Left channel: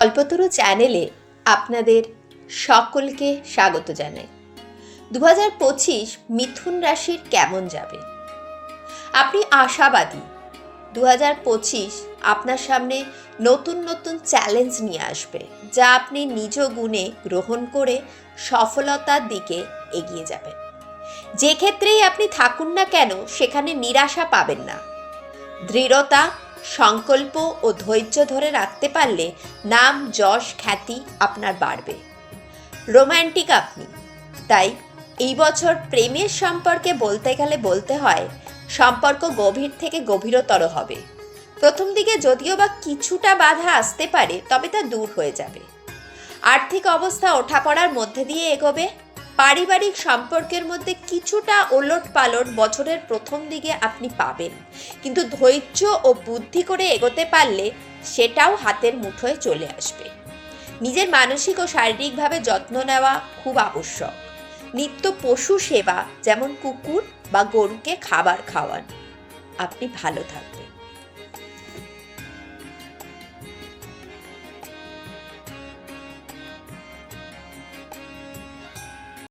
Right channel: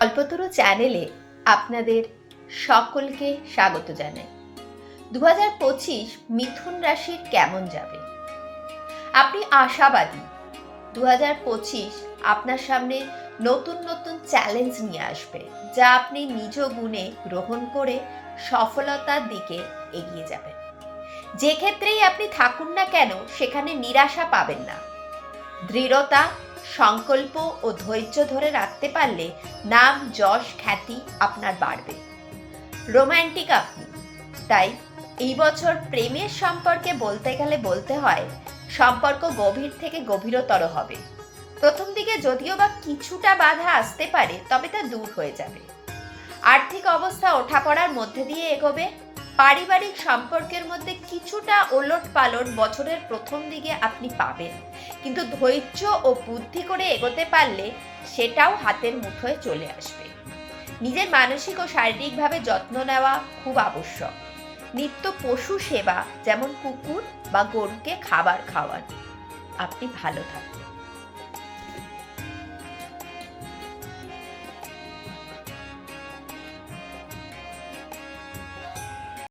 কল্পতরু চ্যানেলে আপনাদের সকলকে স্বাগত জানাই। 2025 মিথুন রাশির কেমন যাবে? আপনি আশাবাদী 2025 আপনার সামনে নতুন নতুন চ্যালেঞ্জ নিয়ে আসবে, যা আপনি নিজ গুণে গ্রহণ করে সফলতার দিকে এগিয়ে যাবেন। যে ক্ষেত্রেই আপনি থাকুন না কেন, সেখানে নিরাশা পাবেন না। দৃঢ়তা, সংকল্প ও ধৈর্য ধরে রাখতে পারলে নাম, যশ, খ্যাতি আপনার বাড়বে। রোম্যান্টিক আপনি, তাই এই বছর প্রেমের সম্পর্কে বলতে গেলে বলতে হয় সম্পর্ক গভীর থেকে গভীরতর হবে। প্রথম দিকে যদিও বা কিছুটা বাধা আসতে পারে, তবে তা দূর হয়ে যাবে। আর্থিক অবস্থা ওঠাপড়ার মধ্যে দিয়ে এগোবে। পারিবারিক সম্পর্কের মধ্যে কিছুটা ওলট পালট বছরের প্রথম দিকে আপনি পাবেন, কিন্তু ধৈর্য ও বুদ্ধি করে এগোতে পারলে সেটাও হাতের মুঠোয় চলে আসবে। নিজের মানসিক ও শারীরিকভাবে যত্ন নেওয়া খুব আবশ্যক। নিত্য পশু সেবা, যেমন কুকুর বা গরুকে খাবার খাওয়ান, আপনি ভালো থাকবেন।